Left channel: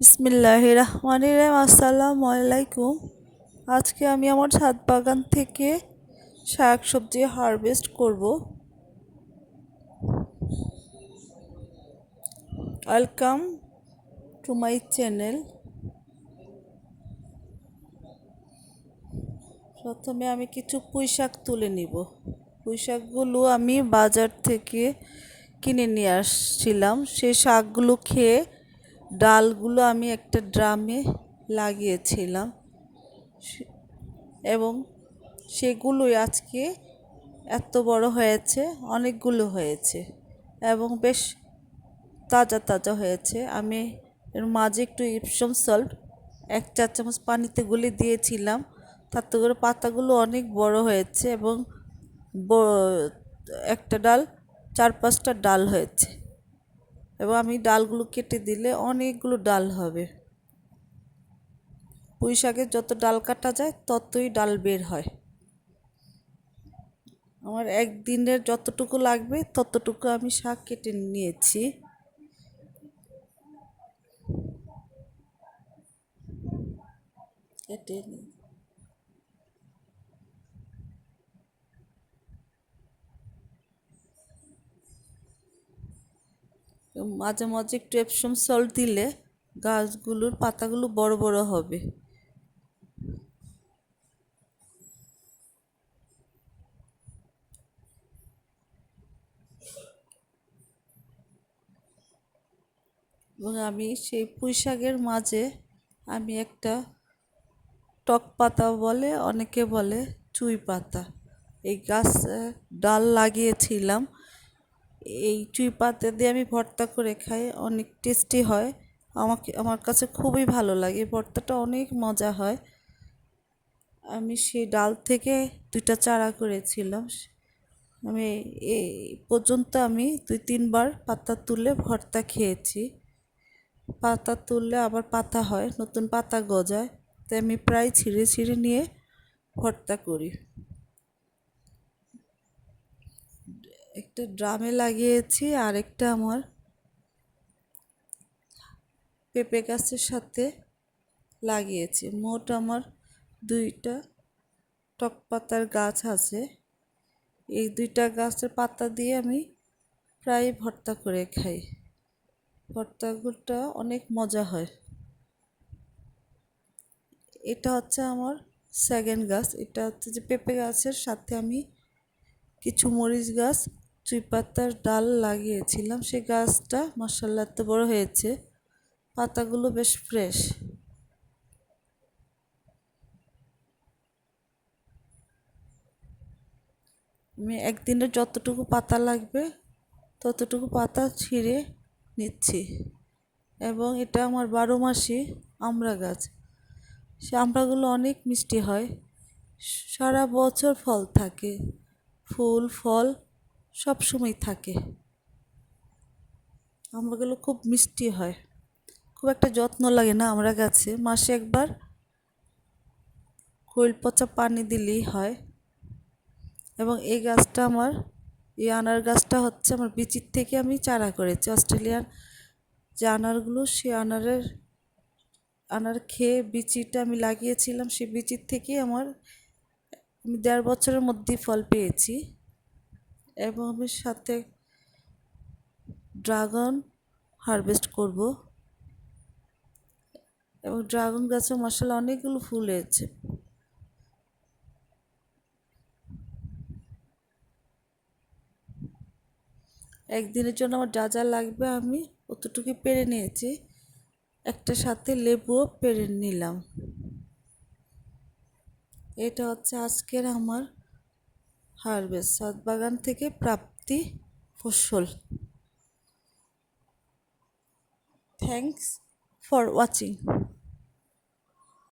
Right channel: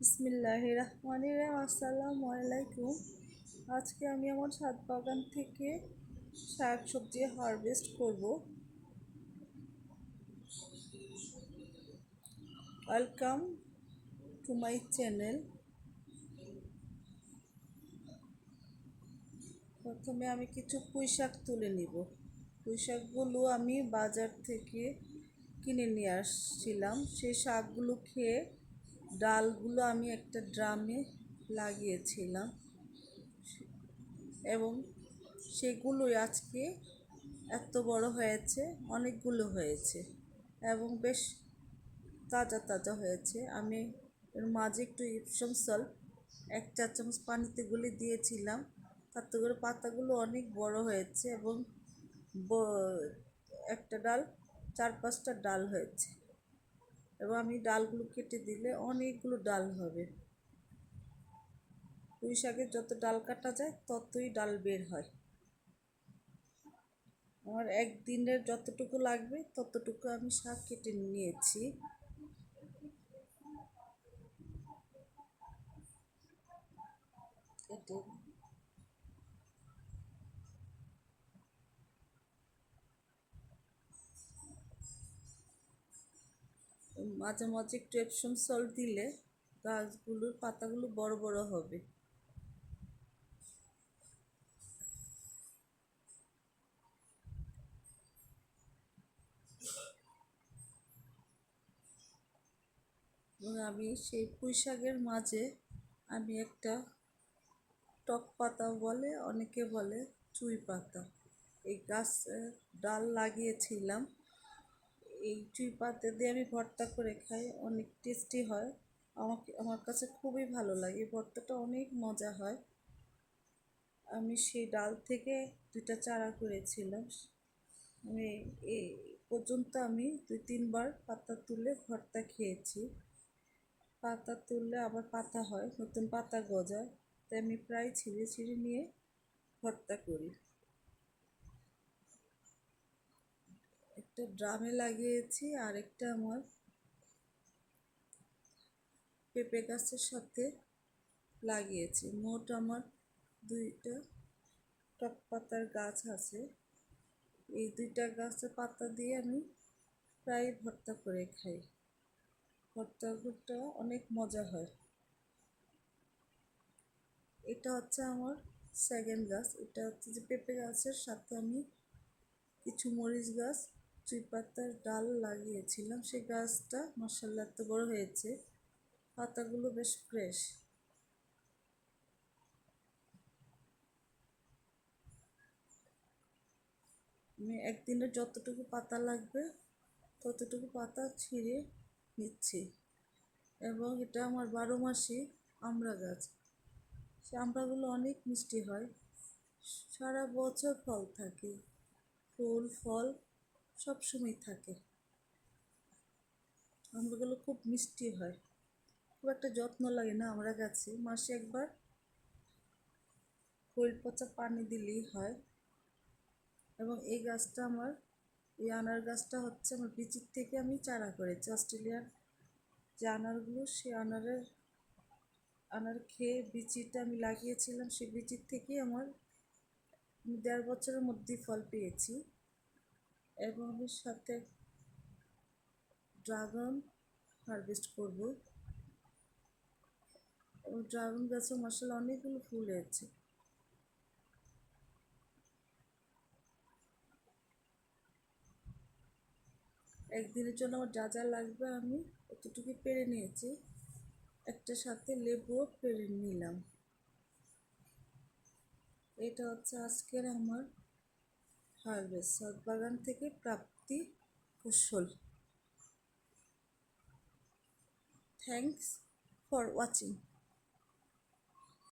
বিসমিল্লাহির রহমানির রহিম। আসসালামু আলাইকুম। আজকে আমি আমার ছাদ বাগান থেকে শাক সবজি হারভেস্ট করব। Welcome to my channel. প্রথমে আমি কিছু পুঁই শাক তুলে নিব। পুঁই শাকগুলো আমি বাজার থেকে কিনে নিয়ে আসছিলাম। সেই শাকগুলো খেয়ে ডালগুলো আমি একটা ড্রামে লাগিয়েছিলাম এবং সেগুলোই আজকে এত বড় হয়েছে, অনেকগুলো হয়েছে এবং বেশ তাজা তাজা হয়েছে। আমি এর মাঝে একটু ইপসম সল্ট 1 চা চামচ পানিতে গুলে দিয়েছিলাম, তাতে করে পাতাগুলো অনেক বড় হয়েছে এবং একটা ডাল 4-5টা ডাল হয়েছে এবং আমি ডালগুলো কেটে দিলে অনেকগুলো ডাল হবে। পুঁই শাকের যত ডাল কাটা যায় ততই ডাল বের হয়। আমার একদিনের যতটুকু লাগবে ততটুকু আমি শাক কেটে নিয়েছি। কেটে মাঝে মাঝে একটু এপসম সল্ট দিলে গাছগুলোর পাতাগুলো বড় বড় হবে। এবং আমি সেই পুঁই শাকের মাঝে আমি একটা টক পাতা বলে, অনেকে বলে চুই পাতা, এই গাছ ডাল লাগিয়েছিলাম। এই চুই পাতা দিয়ে আমি ভর্তা করে খাই, অনেক টেস্টি হয়। আমার কাছে খুবই ভালো লাগে, ভর্তাটা অনেক মজা হয়। আমি সেই ডাল থেকে 2টা চারা করেছিলাম। আমি এই পর্যন্ত আমি 2-3 বার পাতা তুলে ভর্তা খেয়েছি। পাতা তুললে আবার পাতা হয়, নতুন পাতা গজায়, তাই আমি প্রায় ছিঁড়ে ছিঁড়ে নিয়ে ভর্তা করি। একটা ড্রামে লাগিয়েছি, আর একটা আমার পেঁপে গাছের সাথে লাগিয়েছি। মোট আমার 2টা টক পাতার গাছ আছে। এই 2টা গাছের পাতা দিয়ে আমি প্রায় ভর্তা করে খাই। ভর্তাগুলোটা অনেক মজা হয়। এটা হচ্ছে আমার সেকেন্ড গাছ। এটা হচ্ছে যে পেঁপে গাছের সাথে আমি কিছু মরিচ গাছ, চুই পাতার ডাল লাগিয়েছিলাম। সেই গাছটা মাশাআল্লাহ এত বড় হয়েছে, পাতাগুলো বেশ ফ্রেশ। আমি একদিনে যতটুকু পাতা লাগবে ততটুকু পাতা ছিঁড়ে নিচ্ছি। এবং এটা আমার 12 মাসি আমড়া গাছ। সে আমড়াগুলো অনেক মিষ্টি হয়, সারা বছর ফল থাকে, ফুল ফল সব সময় থাকে। আমড়াগুলো খুব মিষ্টি হয়, খুব একটা যত্ন লাগে না আমড়া গাছে, মাসে একবার খৈল পচা পানি দিলেই হয়। এবং এই গাছটা আমার, এই আনার গাছটা হচ্ছে আমার বিচির থেকে আমি চারা করেছি। অস্ট্রেলিয়ার যে আনারগুলো, সে আনার খেয়ে বিচিটা আমি লাগিয়েছিলাম, সেই বিচির থেকেই আমি 1.5 বছরের মধ্যেই ফল পেয়েছি। এবং আমি সাথে ড্রাগন হারভেস্ট করব এবং ড্রাগন গাছে মাশাআল্লাহ অনেকগুলো ফুল হয়েছে। একদিনের জন্য আমার যা যা লাগবে আমি অতটুকু পেরে নিয়েছি। একটা সাথে লেবুও পেরে নিলাম। এটা হচ্ছে আজকের আমার হারভেস্ট, ছাদ বাগান থেকে প্রাপ্তি ফসল। Thanks for watching.